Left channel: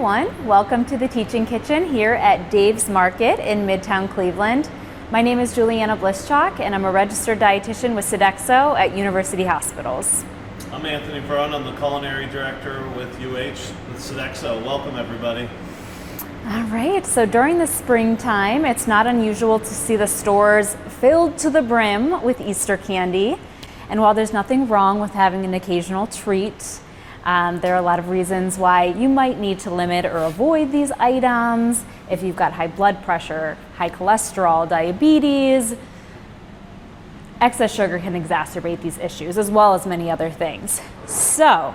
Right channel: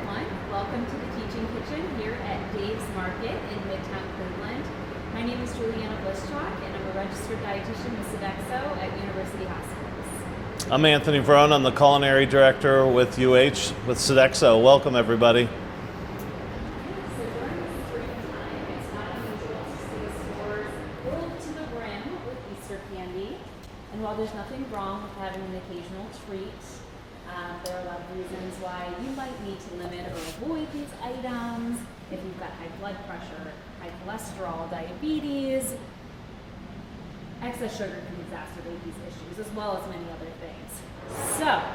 everyone. Welcome to the Teaching Kitchen here at Dave's Market in Midtown Cleveland. My name is Juliana Blischak and I'm a registered dietitian with Sodexo at University Hospitals. I'm Anthony Verona. I'm the culinary director with UH with Sodexo. Welcome everybody. All right, so during the springtime, it's not unusual to see the stores filled to the brim with Easter candy. And while there's nothing wrong with having an occasional treat, there are a lot of reasons why you might need to limit or avoid these items. If you've got high blood pressure, high cholesterol, diabetes, excess sugar can exacerbate these issues as well as many other things. So,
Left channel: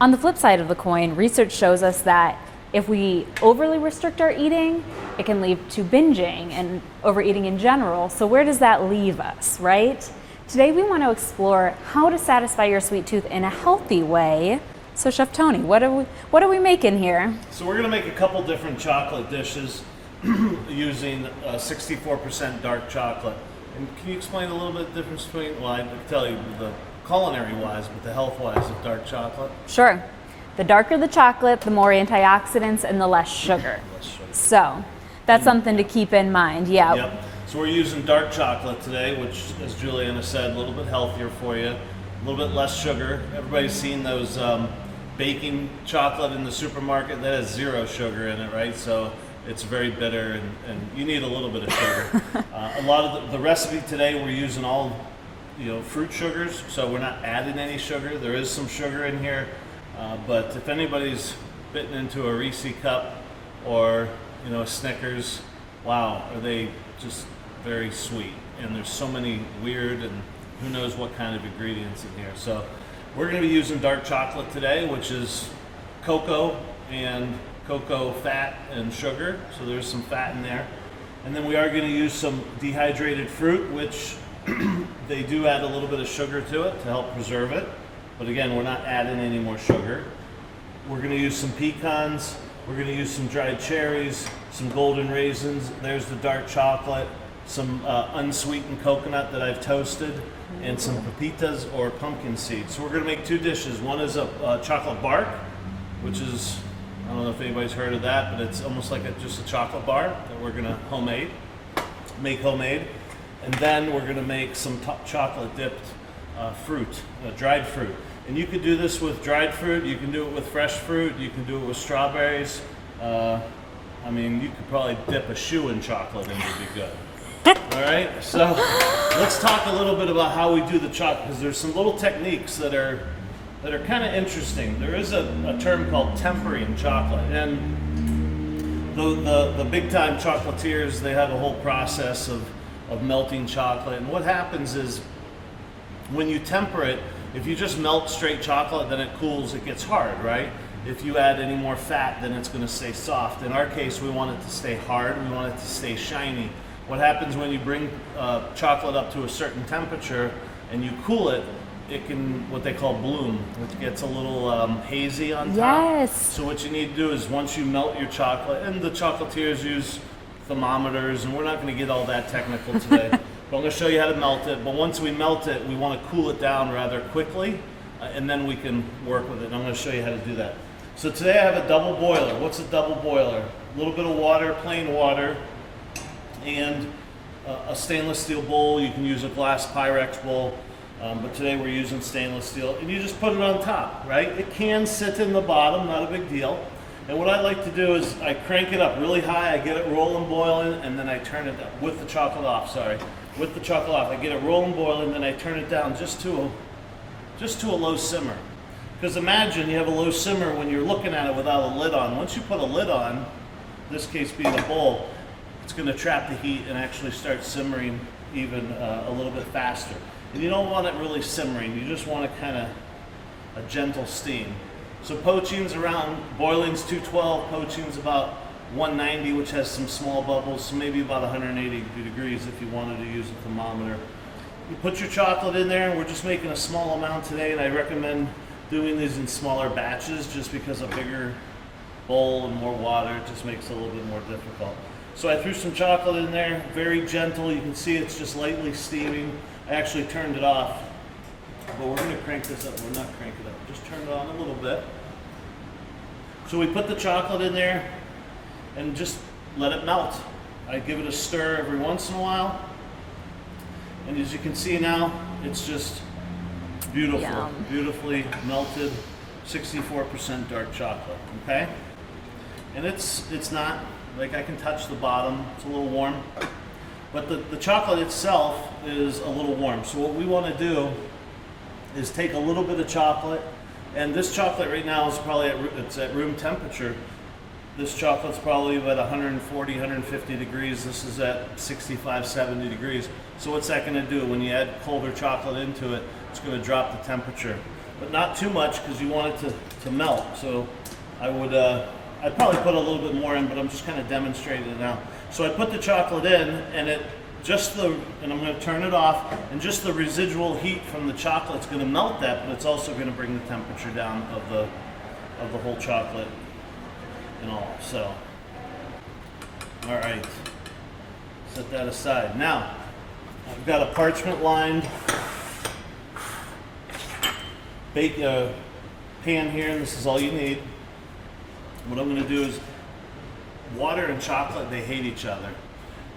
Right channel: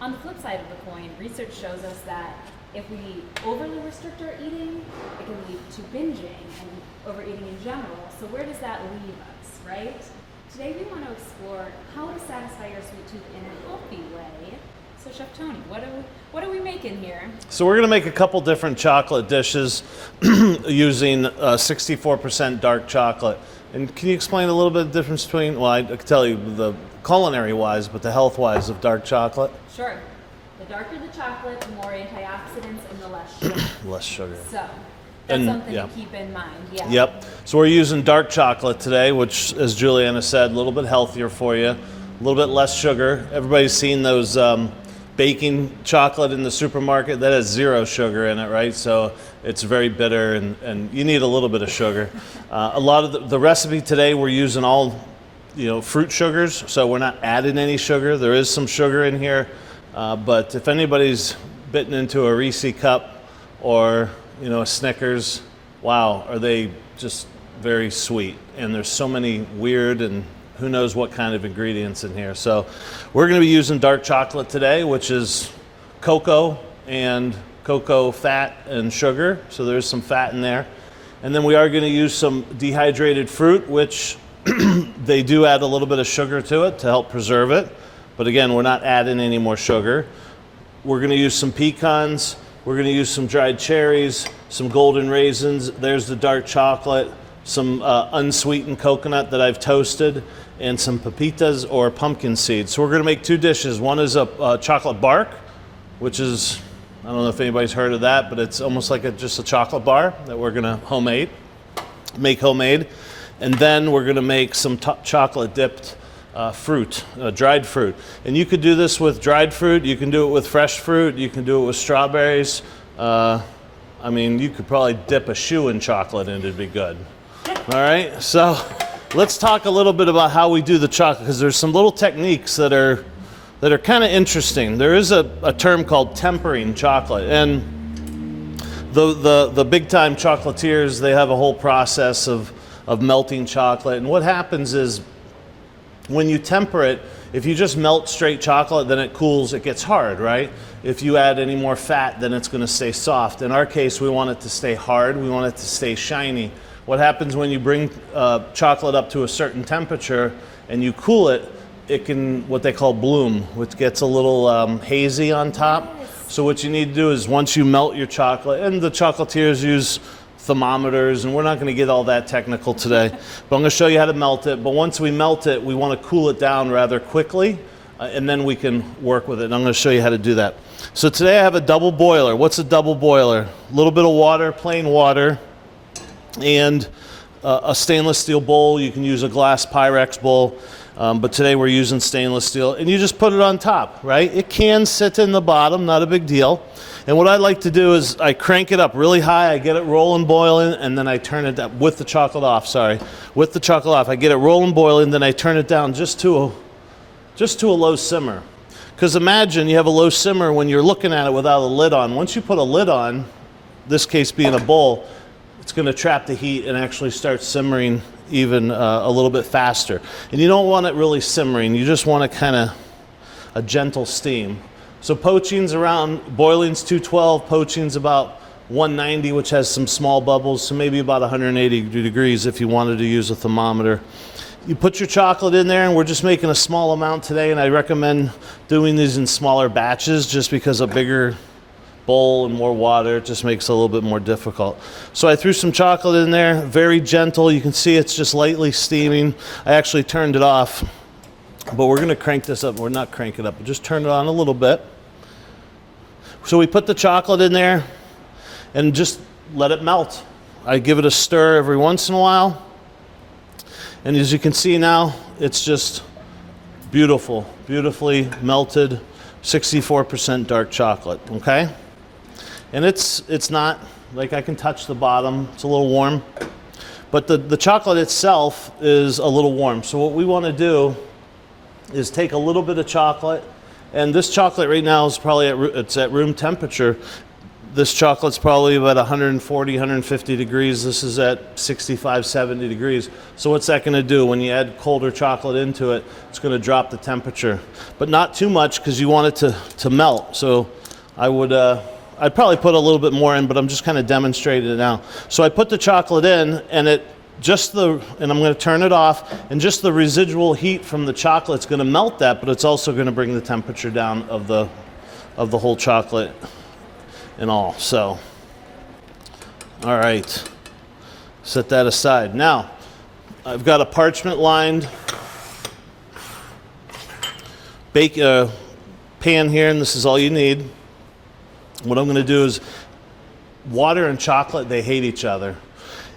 on the flip side of the coin, research shows us that if we overly restrict our eating, it can lead to binging and overeating in general. So where does that leave us, right? Today we want to explore how to satisfy your sweet tooth in a healthy way. So Chef Tony, what are we making here? So we're going to make a couple different chocolate dishes using 64% dark chocolate. And can you explain a little bit of the difference between, well, I can tell you the culinary wise, but the health wise of dark chocolate? Sure. The darker the chocolate, the more antioxidants and the less sugar. Less sugar. So that's something to keep in mind. Yeah. Yep. So we're using dark chocolate today, which, as Juliana said, a little bit healthier for you, a little bit less sugar. Everybody's seen those baking chocolate in the supermarket that has 0 sugar in it, right? So it's very bitter, and you need a little bit of sugar. A lot of the recipe today, we're using all, fruit sugars, so we're not adding any sugar. There is some sugar in here, but if anybody's bitten into a Reese cup or a Snickers, wow, are they just very sweet. And there's so many weird and who knows what kind of ingredients in here. So we're going to be using dark chocolate today, which is cocoa and cocoa fat and sugar. So there's some fat in there. And then we are going to use some dehydrated fruit, which they do add a little bit of sugar to it to help preserve it. But again, we're not adding any more sugar. We're going to use some pecans. We're going to use some dried cherries, some golden raisins. There's the dark chocolate, some unsweetened coconut that I've toasted, and some pepitas or pumpkin seeds. So we're going to make 2 dishes. One is a chocolate bark, which is, I don't know if anybody's heard of that, but it's almost like just a chocolate bar that we're going to make homemade. And then we're going to make some chocolate dipped fruit, dried fruit. And you could do this with dried fruit, you can do it with fresh fruit, you can do it with strawberries. You could probably dip a shoe in chocolate and it'd be good. All right, so let's talk a little bit about how we do the chocolate, because there's some little techniques that are kind of interesting. There is a term called tempering chocolate, and the big time chocolatiers, they have a whole process of melting chocolate. And what happens is, when you temper it, if you just melt straight chocolate, then it cools, it gets hard, right? If you add any more fat, then it's going to stay soft. In our case, we want it to stay hard, we want it to stay shiny. What happens when you bring chocolate up to a certain temperature and you cool it, it can, what they call bloom, which gets a little hazy on top. Yes. So what you need to do is, once you melt your chocolate, and the chocolatiers use thermometers, and we're not going to get all that technical today, but I'm going to show you how to melt it. But once we melt it, we want to cool it down rather quickly, and then we can work with it. And I'm going to show you how to do that. So today I have a double boiler. What's a double boiler? A little bit of water, plain water, and a stainless steel bowl. You can use a glass Pyrex bowl, but today we're using stainless steel. And you just put it on top, right? It can sit in the bottom, not a big deal. And what I like to do is I crank it up really high, I get it rolling, boiling, and then I turn it down with the chocolate off, with the chocolate off. I get it rolling, boiling, then I turn it down just to a low simmer. Because imagine you have a low simmer when you're looking at it without a lid on. Once you put a lid on, this case being a bowl, it's going to trap the heat and actually start simmering even a little bit faster. And you don't want it really simmering, you just want a gentle steam. So poaching's around, boiling's 212, poaching's about 190, which has some small bubbles, so maybe about 180 degrees if you wanted to use a thermometer. You put your chocolate in there, and we're just making a small amount today, and I recommend doing these in smaller batches just because a bigger bowl and more water, it just makes it a little bit more difficult. So I threw some chocolate in there, very gentle. You can see it's just lightly steaming. I actually turned it off, but we're going to crank this up. We're not crank it up, just turn it on a little bit. So we put the chocolate in there and just let it melt. I give it a stir every once in a while. And as you can see now, it's just beautiful, Yum. beautifully melted, 64% dark chocolate, okay? And it's not, like I can touch the bottom, it's a little warm. But the chocolate itself is a little warm. So what we want to do is take a little bit of chocolate, and this chocolate right now is probably it's at room temperature. This chocolate's probably about 140, 150 degrees. This is at 65, 70 degrees. So what's that going to do? When you add colder chocolate into it, it's going to drop the temperature. But not too much because you want it to melt. So I'd probably put a little bit more in, but I'm just kind of demonstrating it now. So I put the chocolate in, and and I'm going to turn it off, and just the residual heat from the chocolate's going to melt that, but it's also going to bring the temperature down of the whole chocolate and all. So, all right, set that aside. Now, I've got a parchment-lined pan here, and this is all you need. What I'm going to do is, water and chocolate, they hate each other.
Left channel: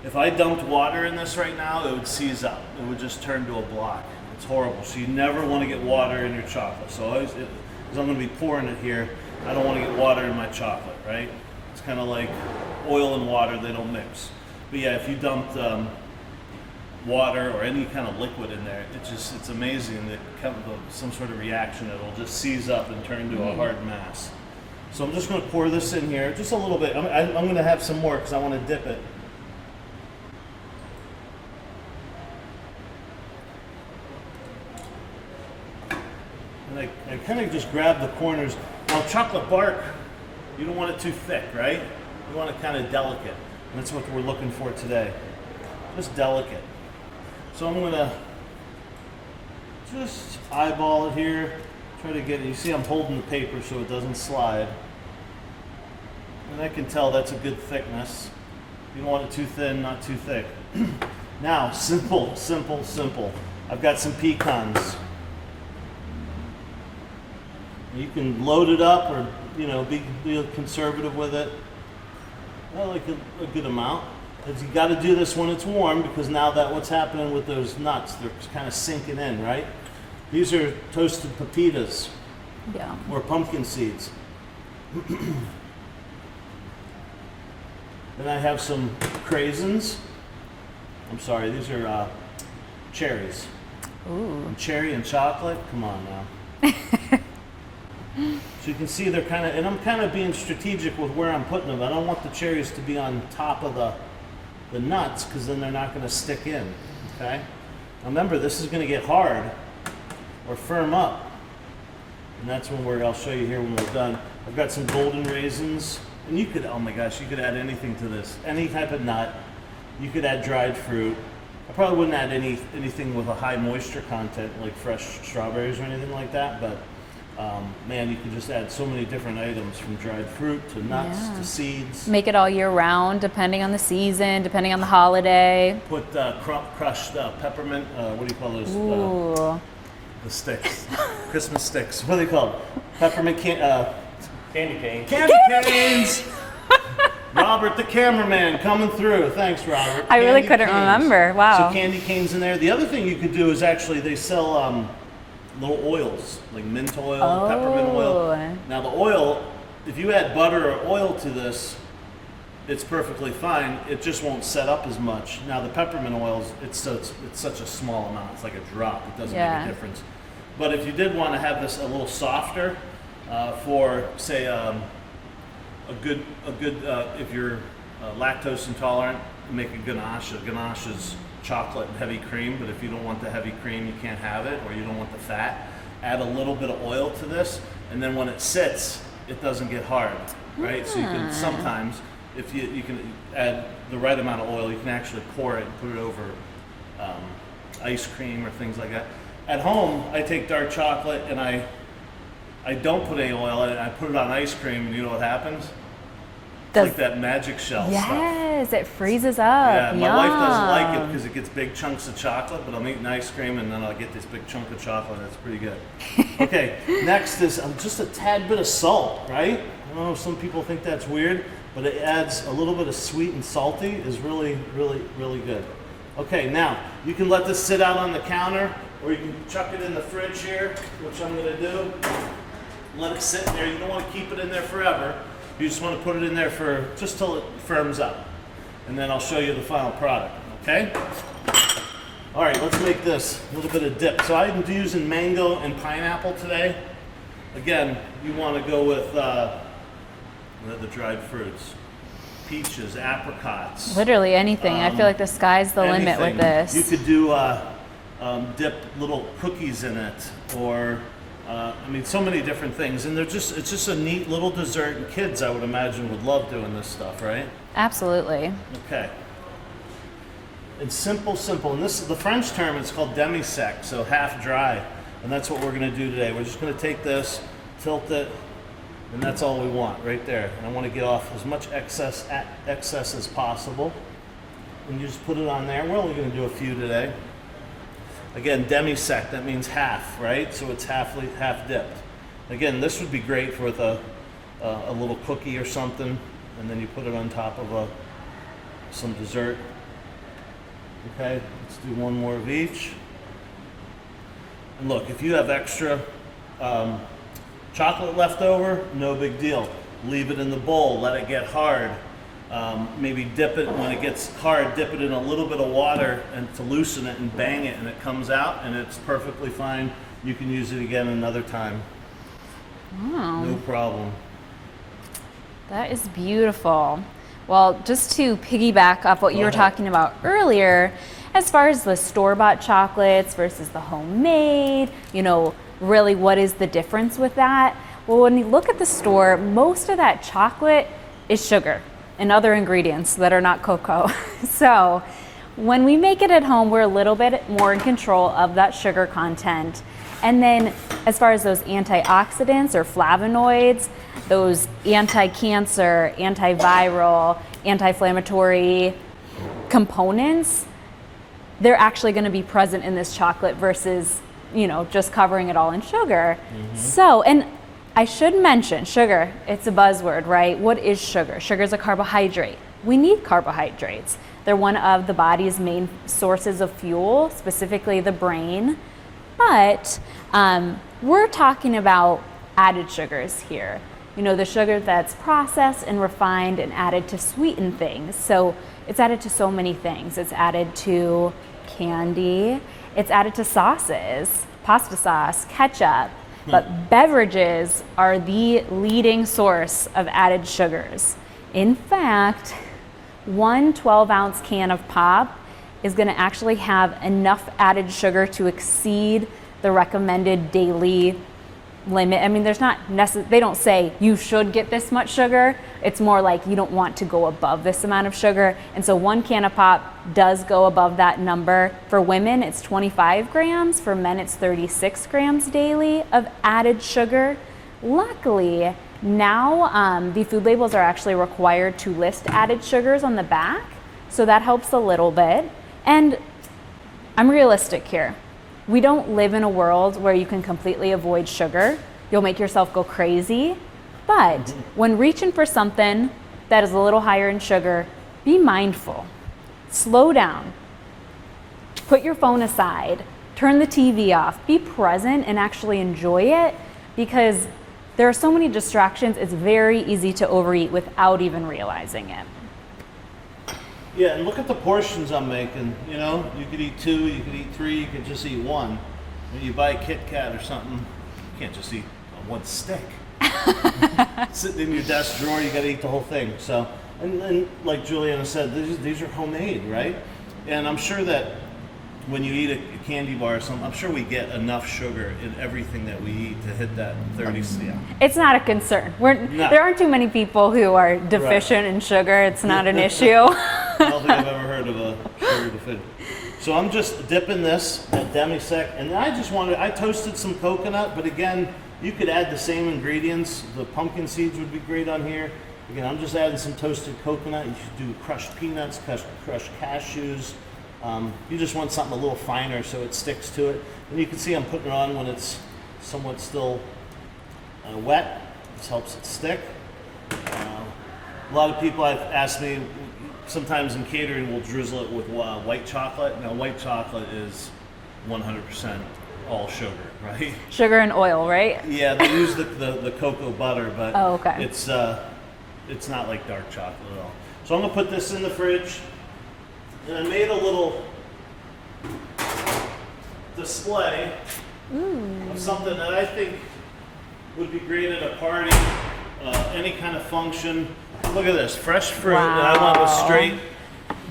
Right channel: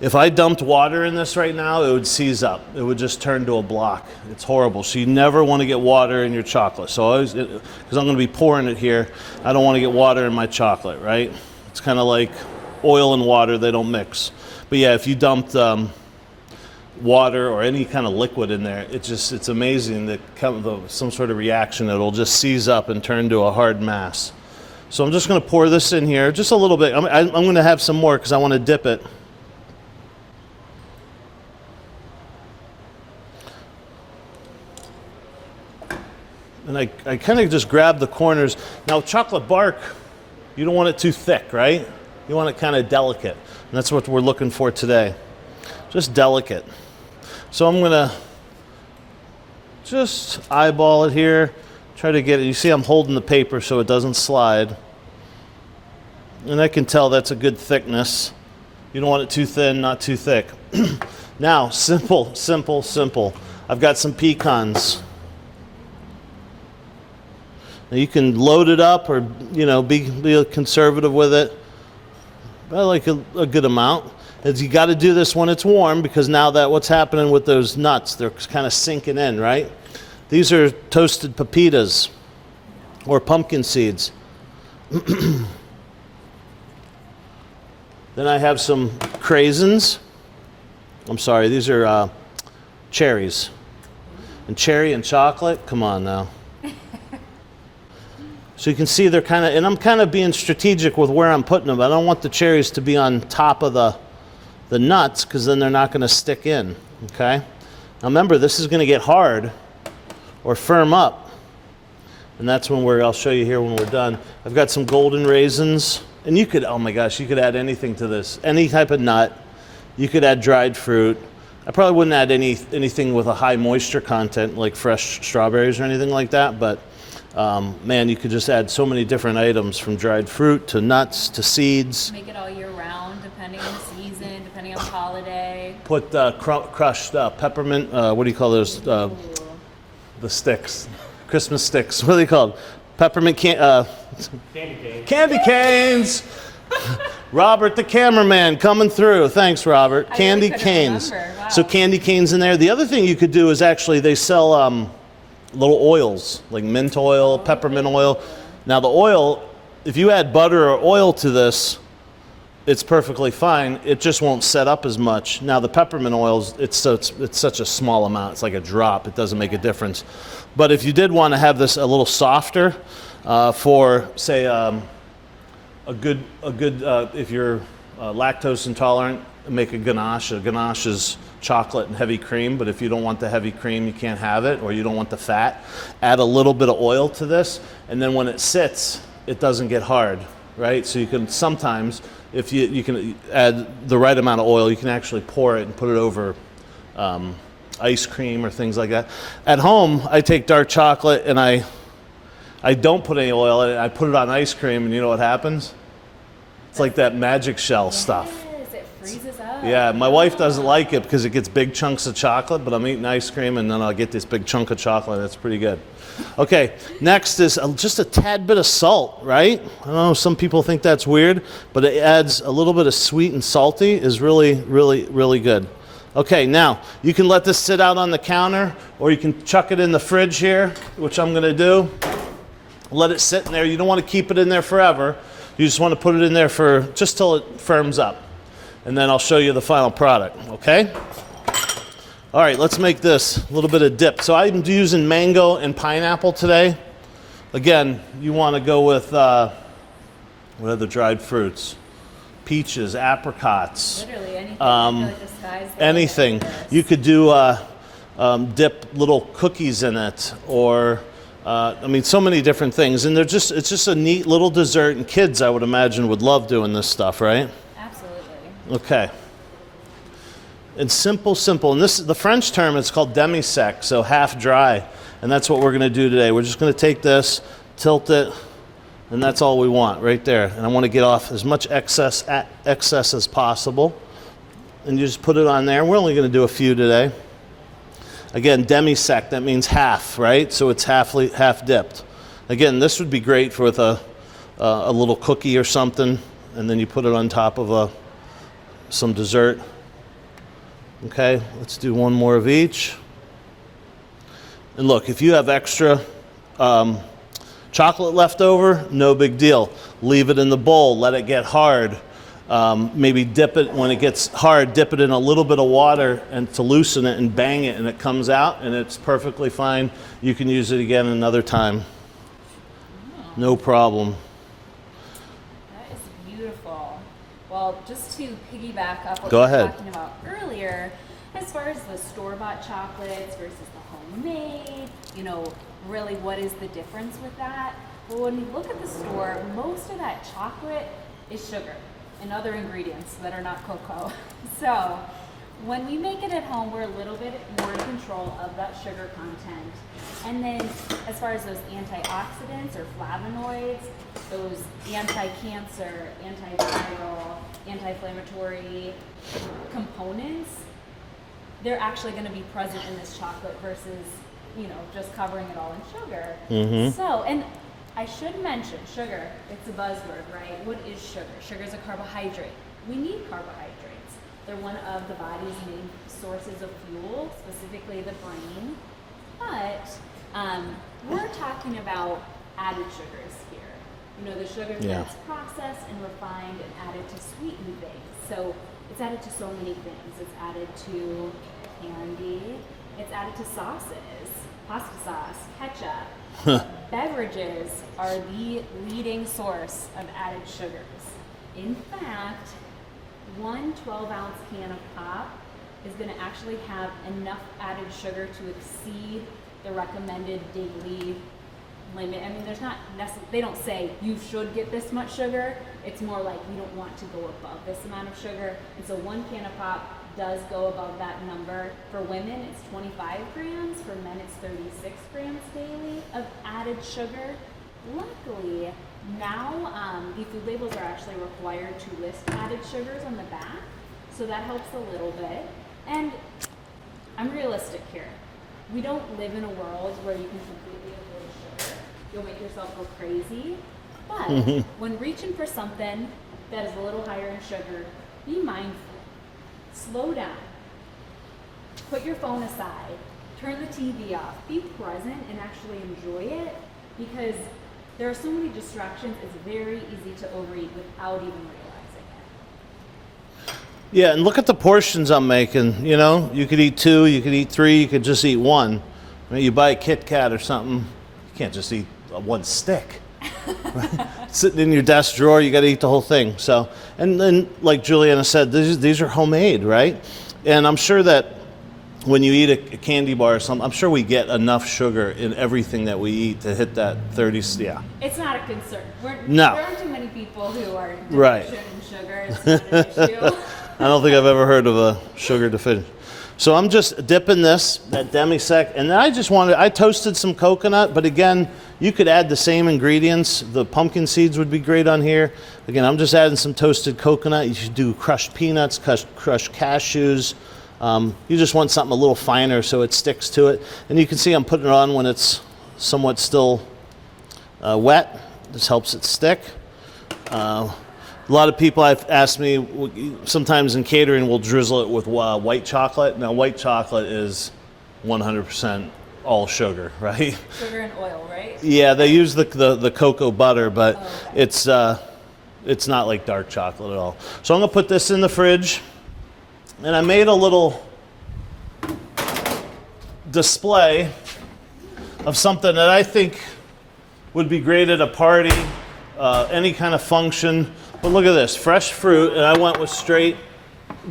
If I dumped water in this right now, it would seize up. It would just turn to a block. It's horrible. So you never want to get water in your chocolate. So because I'm going to be pouring it here, I don't want to get water in my chocolate, right? It's kind of like oil and water, they don't mix. But yeah, if you dumped water or any kind of liquid in there, it's amazing that some sort of reaction, it'll just seize up and turn to a hard mass. So I'm just going to pour this in here, just a little bit. I'm going to have some more because I want to dip it. And I kind of just grab the corners. Now, chocolate bark, you don't want it too thick, right? You want it kind of delicate. And that's what we're looking for today. Just delicate. So I'm going to just eyeball it here. Try to get it. You see I'm holding the paper so it doesn't slide. And I can tell that's a good thickness. You don't want it too thin, not too thick. Now, simple, simple, simple. I've got some pecans. Now you can load it up or, be conservative with it. I like a good amount. You got to do this when it's warm because now that what's happening with those nuts, they're kind of sinking in, right? These are toasted pepitas or pumpkin seeds. Then I have some craisins. I'm sorry, these are cherries. Ooh. And cherry and chocolate, come on now. So you can see they're kind of, and I'm kind of being strategic with where I'm putting them. I don't want the cherries to be on top of the nuts because then they're not going to stick in, okay? Now remember, this is going to get hard or firm up. And that's when I'll show you here when we're done. I've got some golden raisins. And you could, oh my gosh, you could add anything to this. Any type of nut. You could add dried fruit. I probably wouldn't add anything with a high moisture content like fresh strawberries or anything like that. But man, you could just add so many different items from dried fruit to nuts to seeds. Make it all year round, depending on the season, depending on the holiday. Put crushed peppermint, what do you call those? The sticks. Christmas sticks. What are they called? Peppermint Candy canes. Candy canes! Robert, the cameraman, coming through. Thanks, Robert. I Candy really couldn't canes. remember. Wow. So candy canes in there. The other thing you could do is actually they sell little oils, like mint oil, peppermint oil. Now the oil, if you add butter or oil to this, it's perfectly fine. It just won't set up as much. Now the peppermint oils, it's such a small amount. It's like a drop. It doesn't make a difference. But if you did want to have this a little softer, for say a good if you're lactose intolerant, make a ganache. A ganache is chocolate and heavy cream, but if you don't want the heavy cream, you can't have it, or you don't want the fat, add a little bit of oil to this, and then when it sits, it doesn't get hard, right? So you can sometimes, if you can add the right amount of oil, you can actually pour it and put it over ice cream or things like that. At home, I take dark chocolate and I don't put any oil in it. I put it on ice cream, and you know what happens? It's like that magic shell stuff. Yes, is. It freezes up. Yeah, my wife doesn't like it Yum. because it gets big chunks of chocolate, but I'm eating ice cream and then I'll get this big chunk of chocolate. That's pretty good. Okay, next is just a tad bit of salt, right? I don't know, some people think that's weird, but it adds a little bit of sweet and salty is really, really, really good. Okay, now you can let this sit out on the counter or you can chuck it in the fridge here, which I'm gonna do. Let it sit in there. You don't want to keep it in there forever. You just want to put it in there for just till it firms up. And then I'll show you the final product, okay? All right, let's make this a little bit of dip. So I'm using mango and pineapple today. Again, you want to go with, what are the dried fruits? Peaches, apricots. Literally anything. I feel like the sky's the limit Anything. with this. You could do dip little cookies in it, or I mean, so many different things, and it's just a neat little dessert, and kids, I would imagine, would love doing this stuff, right? Absolutely. Okay. It's simple, and the French term is called demi-sec, so half dry, and that's what we're going to do today. We're just going to take this, tilt it, and that's all we want right there. And I want to get off as much excess as possible, and you just put it on there. We're only going to do a few today. Again, demi-sec, that means half, right? So it's half dipped. Again, this would be great with a little cookie or something, and then you put it on top of some dessert. Okay, let's do one more of each. And look, if you have extra chocolate left over, no big deal. Leave it in the bowl, let it get hard. Maybe dip it, when it gets hard, dip it in a little bit of water and to loosen it and bang it, and it comes out and it's perfectly fine. You can use it again another time. Wow. No problem. That is beautiful. Well, just to piggyback off what Go you were ahead. talking about earlier, as far as the store-bought chocolates versus the homemade, really what is the difference with that? Well, when you look at the store, most of that chocolate is sugar and other ingredients that are not cocoa. So when we make it at home, we're a little bit more in control of that sugar content. And then as far as those antioxidants or flavonoids, those anti-cancer, antiviral, anti-inflammatory components, they're actually going to be present in this chocolate versus, just covering it all in sugar. So, and I should mention sugar, it's a buzzword, right? What is sugar? Sugar is a carbohydrate. We need carbohydrates. They're one of the body's main sources of fuel, specifically the brain. But we're talking about added sugars here. The sugar that's processed and refined and added to sweeten things. So it's added to so many things. It's added to candy. It's added to sauces, pasta sauce, ketchup. But beverages are the leading source of added sugars. In fact, one 12-ounce can of pop is going to actually have enough added sugar to exceed the recommended daily limit. I mean, they don't say you should get this much sugar. It's more like you don't want to go above this amount of sugar. And so one can of pop does go above that number. For women, it's 25 grams. For men, it's 36 grams daily of added sugar. Luckily, now the food labels are actually required to list added sugars on the back. So that helps a little bit. And I'm realistic here. We don't live in a world where you can completely avoid sugar. You'll make yourself go crazy. But when reaching for something that is a little higher in sugar, be mindful. Slow down. Put your phone aside. Turn the TV off. Be present and actually enjoy it, because there are so many distractions. It's very easy to overeat without even realizing it. Yeah, and look at the portions I'm making. You could eat 2, you could eat 3, you could just eat 1. You buy a Kit Kat or something, you can't just eat one stick. Sitting in your desk drawer, you got to eat the whole thing. So, and then like Juliana said, these are homemade, right? And I'm sure that when you eat a candy bar or something, I'm sure we get enough sugar in everything that we eat to hit that 30. Yeah. It's not a concern. No. There aren't too many people who are deficient in sugar. It's not an issue. I don't think I've ever heard of a sugar deficient. So I'm just dipping this at demi-sec, and then I toasted some coconut, but again, you could add the same ingredients. The pumpkin seeds would be great on here. Again, I'm just adding some toasted coconut. You should do crushed peanuts, crushed cashews. You just want something a little finer so it sticks to it. And you can see I'm putting it on when it's somewhat still wet. This helps it stick. A lot of people have asked me, sometimes in catering we'll drizzle it with white chocolate. Now white chocolate is 100% all sugar, right? Sugar and oil, right? Yeah, they use the cocoa butter, but Oh, okay. it's not like dark chocolate at all. So I'm gonna put this in the fridge, and I made a little display of something that I think would be great at a party, any kind of function. But look at this, fresh fruit, and I went with straight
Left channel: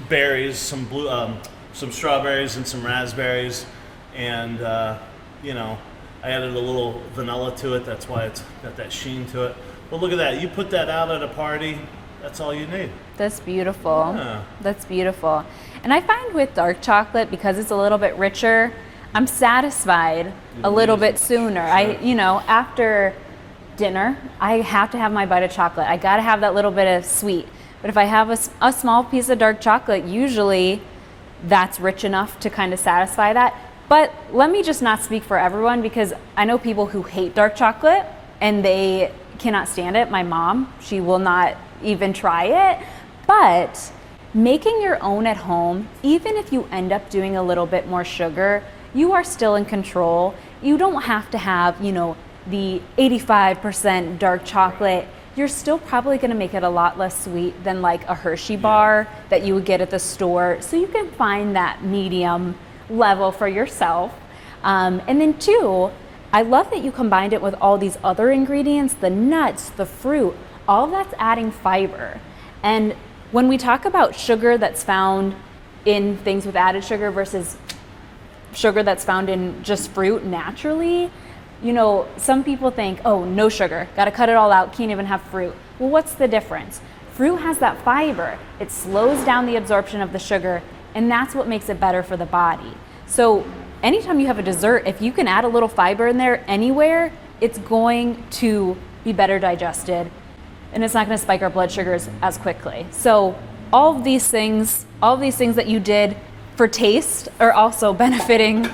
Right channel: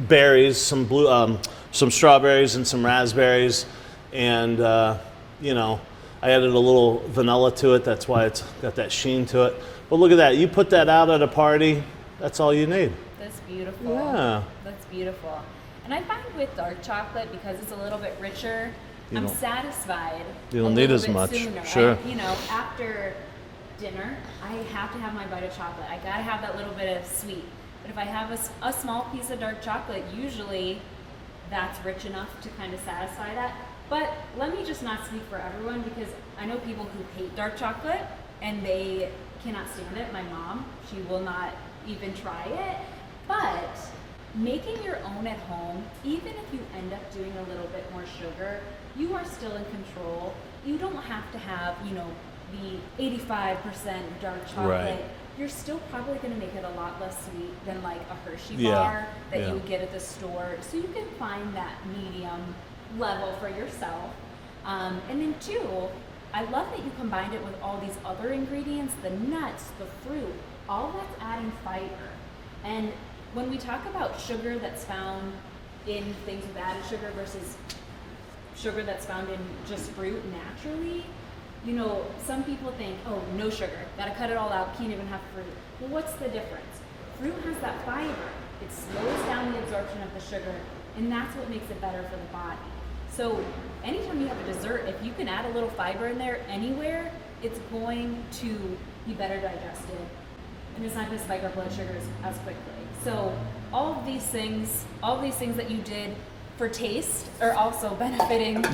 berries, some strawberries and some raspberries, and you know, I added a little vanilla to it. That's why it's got that sheen to it. But look at that, you put that out at a party, that's all you need. That's beautiful. Yeah. That's beautiful. And I find with dark chocolate, because it's a little bit richer, I'm satisfied You a don't little need as bit much. sooner. Sure. After dinner, I have to have my bite of chocolate. I got to have that little bit of sweet. But if I have a small piece of dark chocolate, usually that's rich enough to kind of satisfy that. But let me just not speak for everyone, because I know people who hate dark chocolate and they cannot stand it. My mom, she will not even try it. But making your own at home, even if you end up doing a little bit more sugar, you are still in control. You don't have to have, the 85% dark chocolate. Right. You're still probably going to make it a lot less sweet than like a Hershey bar that you would get at the store. So you can find that medium level for yourself. And then two, I love that you combined it with all these other ingredients, the nuts, the fruit, all that's adding fiber. And when we talk about sugar that's found in things with added sugar versus sugar that's found in just fruit naturally, some people think, oh, no sugar, gotta cut it all out, can't even have fruit. Well, what's the difference? Fruit has that fiber. It slows down the absorption of the sugar, and that's what makes it better for the body. So anytime you have a dessert, if you can add a little fiber in there anywhere, it's going to be better digested, and it's not gonna spike our blood sugars as quickly. So all of these things that you did for taste are also benefiting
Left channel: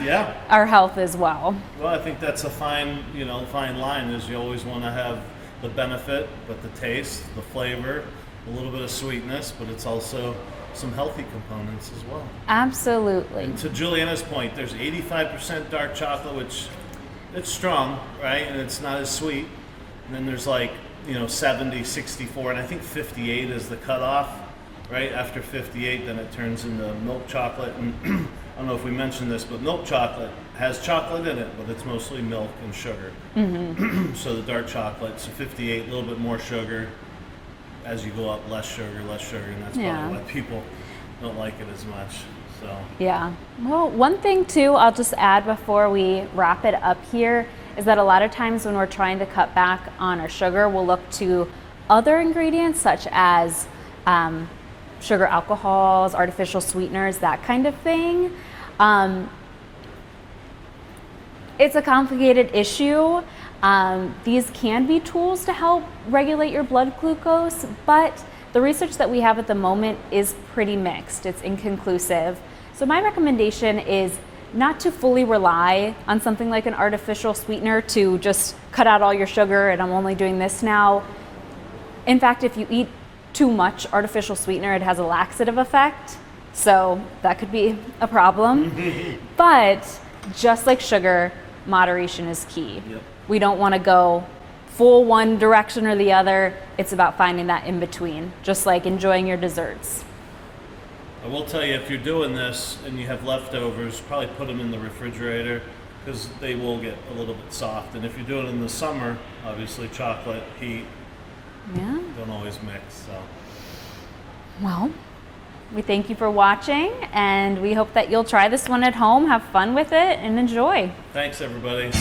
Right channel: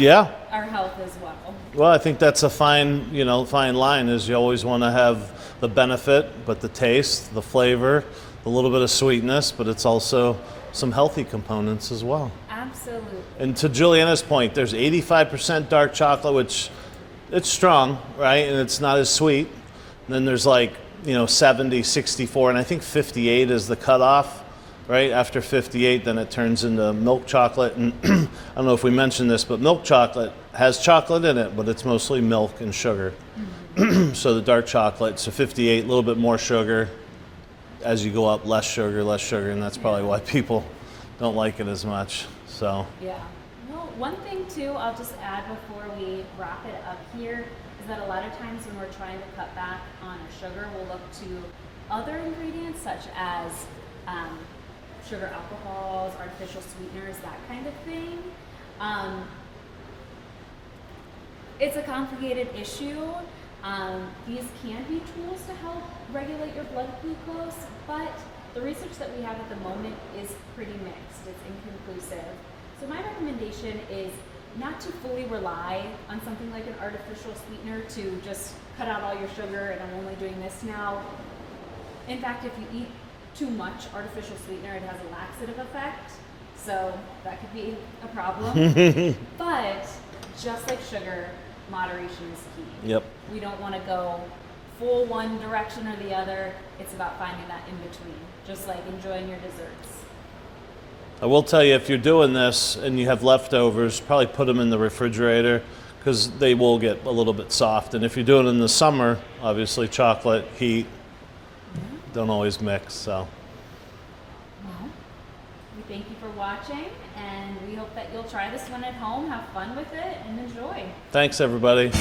our health as well. Well, I think that's a fine line, is you always want to have the benefit, but the taste, the flavor, a little bit of sweetness, but it's also some healthy components as well. Absolutely. And to Juliana's point, there's 85% dark chocolate, which it's strong, right? And it's not as sweet. And then there's 70, 64, and I think 58 is the cutoff. Right after 58, then it turns into milk chocolate. And I don't know if we mentioned this, but milk chocolate has chocolate in it, but it's mostly milk and sugar. Mm-hmm. So the dark chocolate, so 58, a little bit more sugar. As you go up, less sugar, and that's probably why people don't like it as much. So yeah. Well, one thing too, I'll just add before we wrap it up here, is that a lot of times when we're trying to cut back on our sugar, we'll look to other ingredients such as sugar alcohols, artificial sweeteners, that kind of thing. It's a complicated issue. These can be tools to help regulate your blood glucose, but the research that we have at the moment is pretty mixed. It's inconclusive. So my recommendation is not to fully rely on something like an artificial sweetener to just cut out all your sugar and I'm only doing this now. In fact, if you eat too much artificial sweetener, it has a laxative effect, so that could be a problem. But just like sugar, moderation is key. Yep. We don't want to go full one direction or the other. It's about finding that in between, just like enjoying your desserts. I will tell you, if you're doing this and you have leftovers, probably put them in the refrigerator, because they will get a little bit soft. And if you're doing it in the summer, obviously chocolate, heat, don't always mix. So, well, we thank you for watching, and we hope that you'll try this one at home, have fun with it, and enjoy. Thanks, everybody.